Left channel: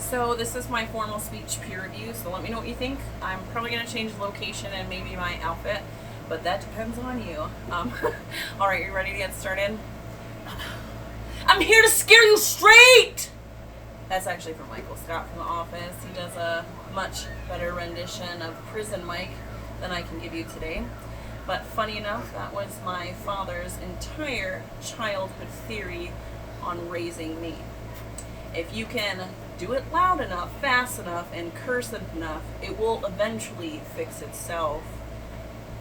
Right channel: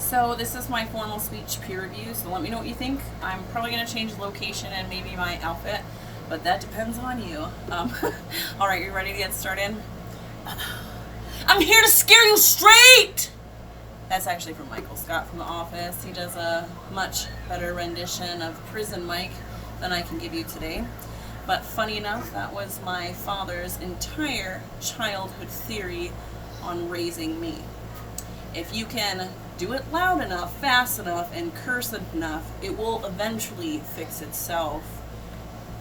So this is my formal speech peer review, so let me know what you think. I'm probably going to change the location and maybe my outfit, but that depends on you. Alright, you ready to get started? I'm here to scare you straight! That's actually from Michael Scott from The Office. He does a much better rendition of Prison Mike than I can give you today. But funny enough, that was my father's entire childhood theory on raising me. If you can do it loud enough, fast enough, and curse enough, it will eventually fix itself.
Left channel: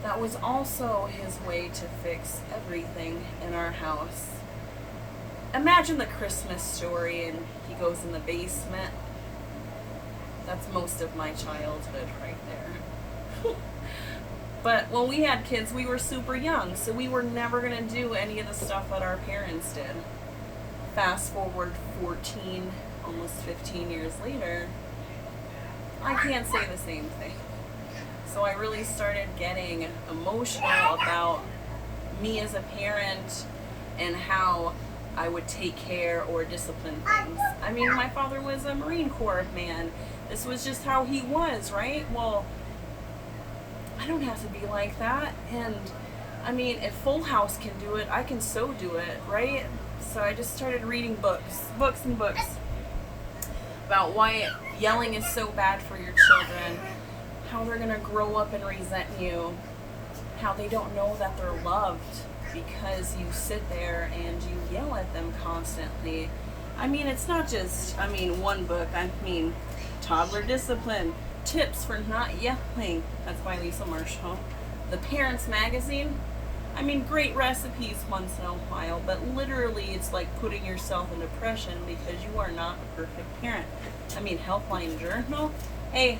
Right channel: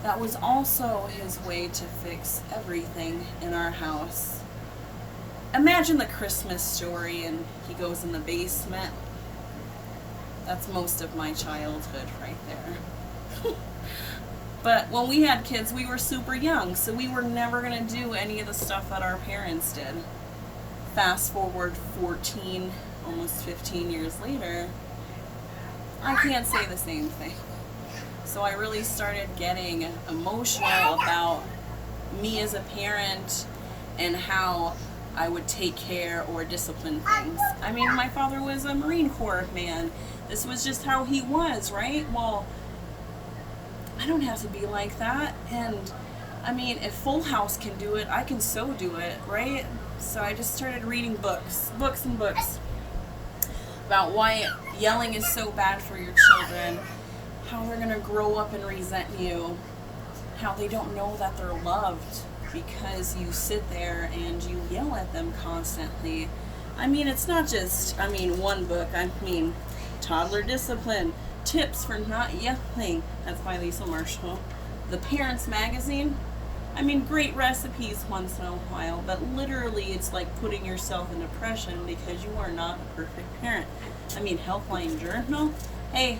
That was also his way to fix everything in our house. Imagine the Christmas Story and he goes in the basement. That's most of my childhood right there. But when we had kids, we were super young, so we were never going to do any of the stuff that our parents did. Fast forward 14, almost 15 years later, I can't say the same thing. So I really started getting emotional about me as a parent and how I would take care or discipline things. I mean, my father was a Marine Corps man. This was just how he was, right? Well, I don't have to be like that. And I mean, if Full House can do it, I can so do it, right? So I just started reading books about why yelling is so bad for your children, how they're going to grow up and resent you, how they don't know that they're loved because you sit there and you yell at them constantly. I mean, it's not just, one book. I mean, Toddler Discipline, Tips for Not Yelling. That's by Lisa Marshall. The Parents Magazine. I mean, great recipes once in a while, but literally it's like putting yourself in depression because you are not a perfect parent. I mean, Helpline Journal. Hey,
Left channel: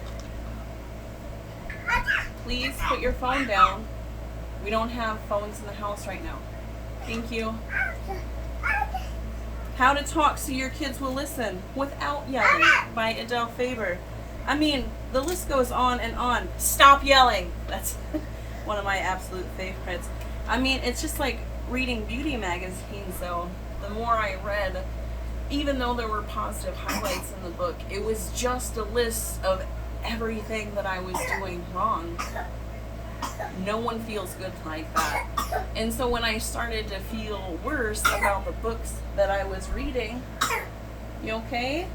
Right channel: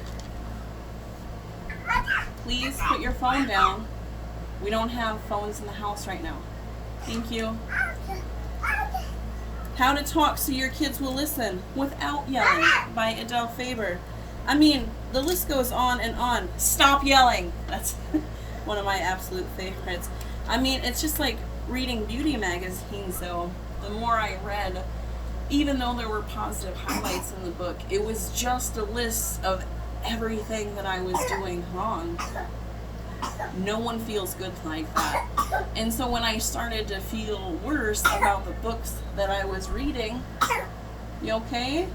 please put your phone down. We don't have phones in the house right now. Thank you. How to Talk So Your Kids Will Listen Without Yelling by Adele Faber. I mean, the list goes on and on. Stop yelling. That's one of my absolute favorites. I mean, it's just like reading beauty magazines, though. The more I read, even though there were positive highlights in the book, it was just a list of everything that I was doing wrong. No one feels good like that. And so when I started to feel worse about the books that I was reading, you okay?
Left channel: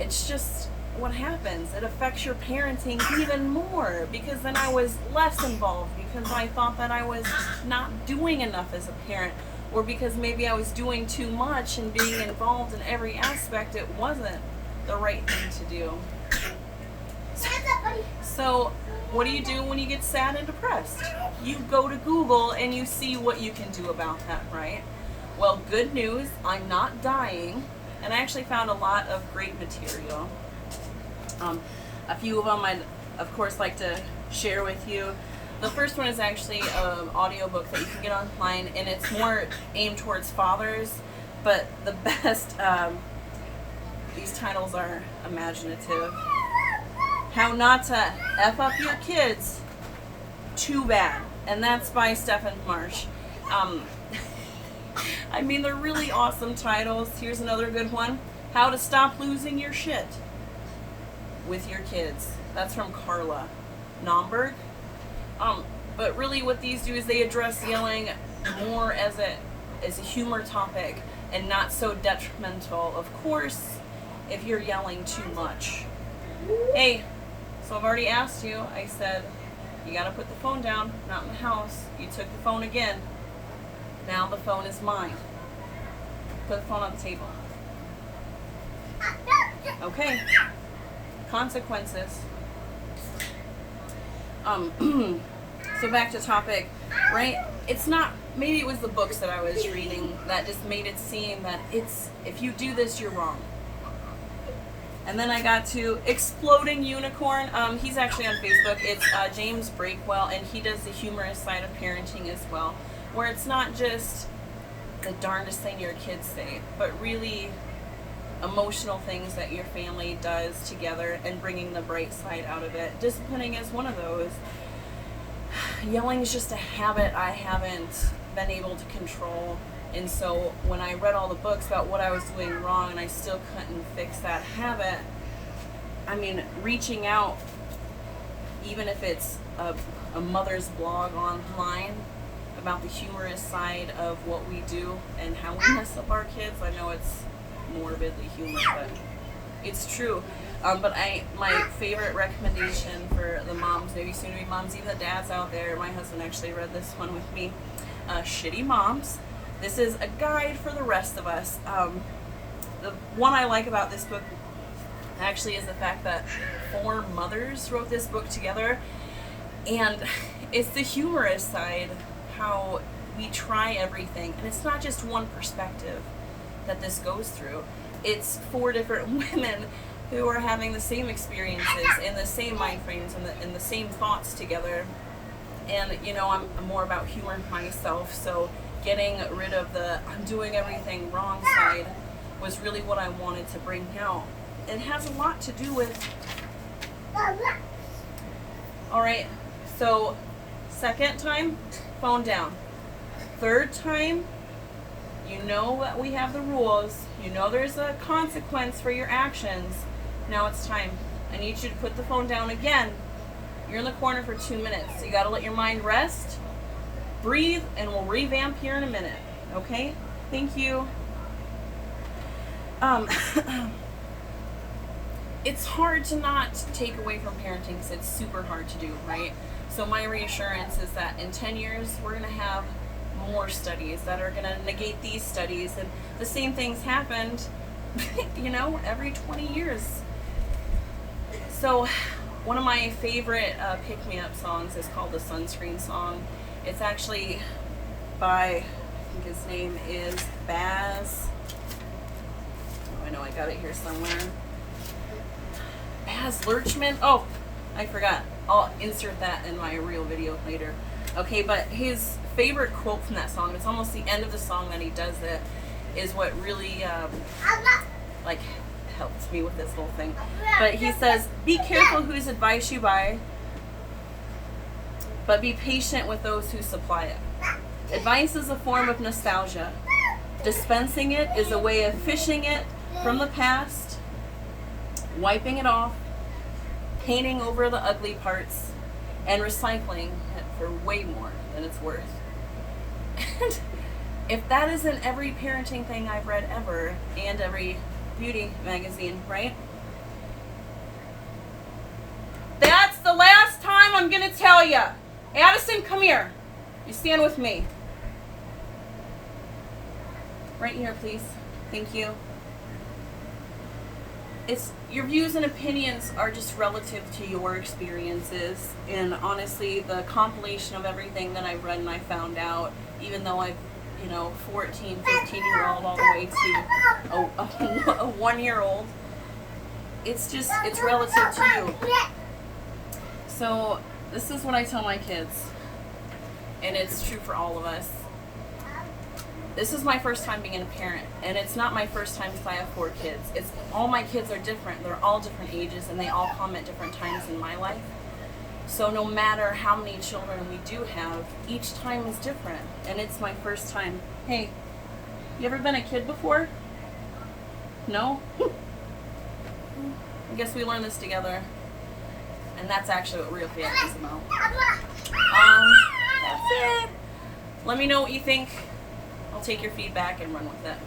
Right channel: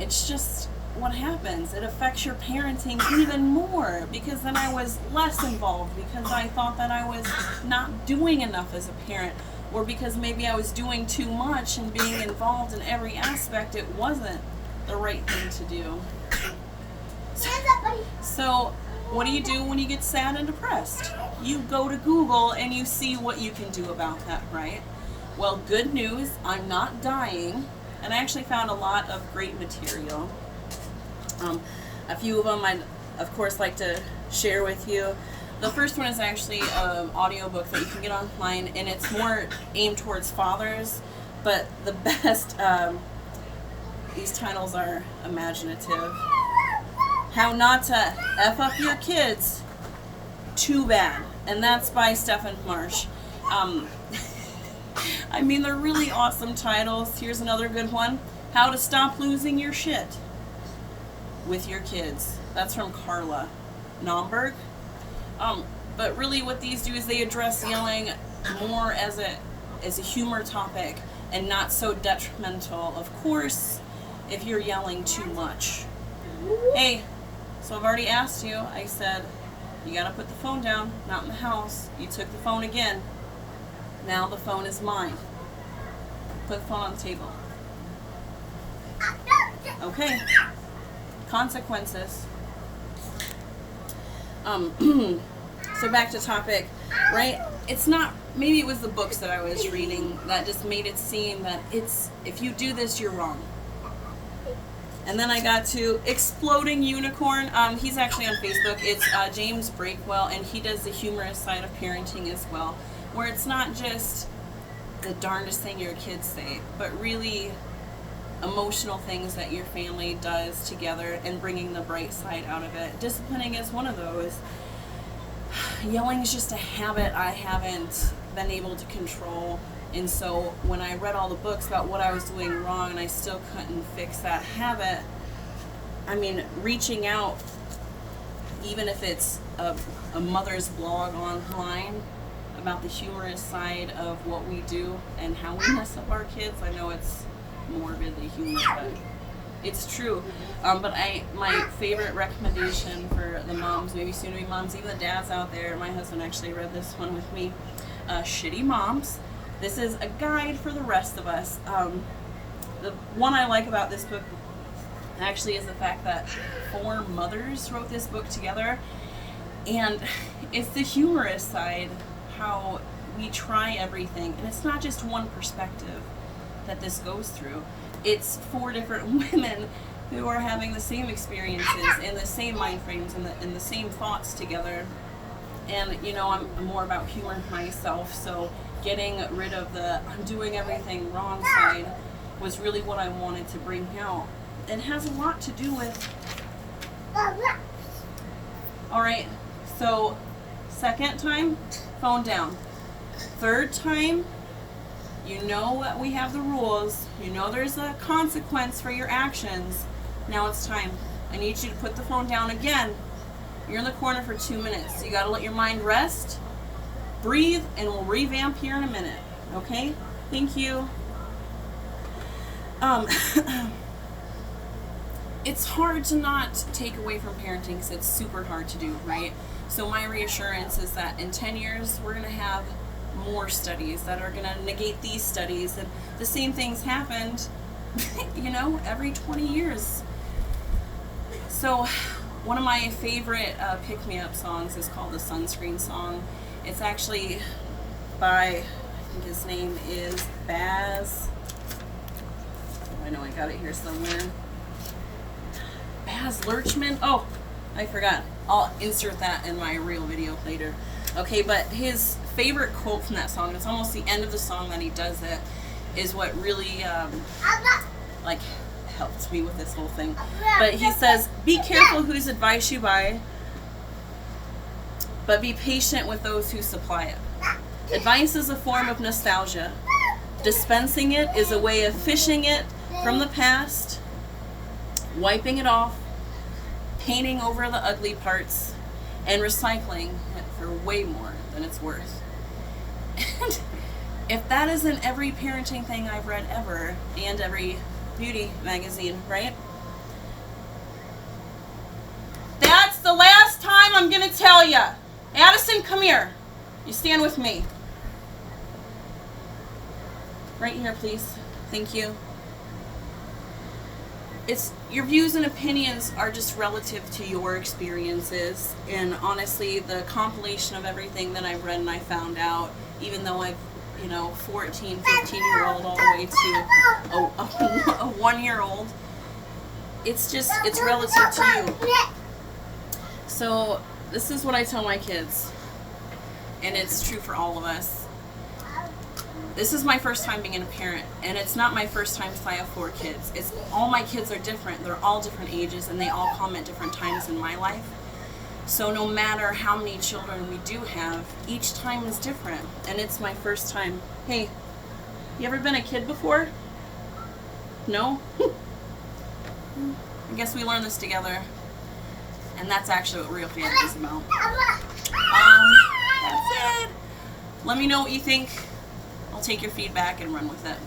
It's just what happens. It affects your parenting even more because then I was less involved because I thought that I was not doing enough as a parent, or because maybe I was doing too much and being involved in every aspect. It wasn't the right thing to do. So what do you do when you get sad and depressed? You go to Google and you see what you can do about that, right? Well, good news, I'm not dying, and I actually found a lot of great material. A few of them I'd, of course, like to share with you. The first one is actually an audiobook that you can get online, and it's more aimed towards fathers, but the best, these titles are imaginative. How Not to F Up Your Kids Too Bad, and that's by Stephen Marsh. I mean, they're really awesome titles. Here's another good one. How to Stop Losing Your Shit with Your Kids. That's from Carla Naumburg. But really what these do is they address yelling more as a humor topic and not so detrimental, of course, if you're yelling too much. Hey, so I've already asked you. I said, you gotta put the phone down, not in the house. You took the phone again. Now the phone is mine. Put the phone on the table. Okay. Consequences. So back to topic, right? It's not, maybe it was the books that I was reading that just made it seem that if you do this, you're wrong. And then I got to Exploding Unicorn. He's actually on Facebook. It's James Breakwell, and he does the humorous side of parenting as well, where it's not just the darndest thing your kids say, but really emotional things that your family does together and bringing the bright side out of it. Disciplining is one of those. Yelling is just a habit I haven't been able to control. And so when I read all the books about what I was doing wrong and I still couldn't fix that habit, I mean, reaching out, even if it's a mother's blog online about the humorous side of what we do and how we mess up our kids. I know it's morbidly humorous, but it's true. But my favorite recommendation for the moms, maybe soon to be moms, even the dads out there, my husband actually read this one with me, Shitty Moms. This is a guide for the rest of us. The one I like about this book actually is the fact that 4 mothers wrote this book together, and it's the humorous side, how we try everything, and it's not just one perspective that this goes through. It's 4 different women who are having the same experiences and the same mind frames and the same thoughts together. And you know, I'm more about humor myself, so getting rid of the I'm doing everything wrong side was really what I wanted to bring out. It has a lot to do with, all right, so second time, phone down. Third time, you know that we have the rules. You know there's a consequence for your actions. Now it's time. I need you to put the phone down again. You're in the corner for 2 minutes. You gotta let your mind rest, breathe, and we'll revamp here in a minute. Okay? Thank you. It's hard to not take away from parenting because it's super hard to do, right? So my reassurance is that in 10 years, we're gonna have more studies that are gonna negate these studies, and the same things happened, you know, every 20 years. So one of my favorite pick-me-up songs is called the Sunscreen Song. It's actually by, I think his name is Baz. Oh, I know I got it here somewhere. Baz Luhrmann. Oh, I forgot. I'll insert that in my real video later. Okay, but his favorite quote from that song, it's almost the end of the song that he does it, is what really like helped me with this whole thing. But he says, be careful whose advice you buy, but be patient with those who supply it. Advice is a form of nostalgia. Dispensing it is a way of fishing it from the past, wiping it off, painting over the ugly parts, and recycling it for way more than it's worth. And if that isn't every parenting thing I've read ever, and every beauty magazine, right? That's the last time I'm gonna tell you. Addison, come here. You stand with me. Right here, please. Thank you. It's your views and opinions are just relative to your experiences, and honestly, the compilation of everything that I've read and I found out, even though I've 14, 15-year-old all the way to a 1-year-old, it's relative to you. So this is what I tell my kids, and it's true for all of us. This is my first time being a parent, and it's not my first time because I have 4 kids. It's all my kids are different. They're all different ages, and they all come at different times in my life. So no matter how many children we do have, each time is different, and it's my first time. Hey, you ever been a kid before? No? I guess we learned this together, and that's actually what Real Family is about. That's it. Let me know what you think. I'll take your feedback and run with it.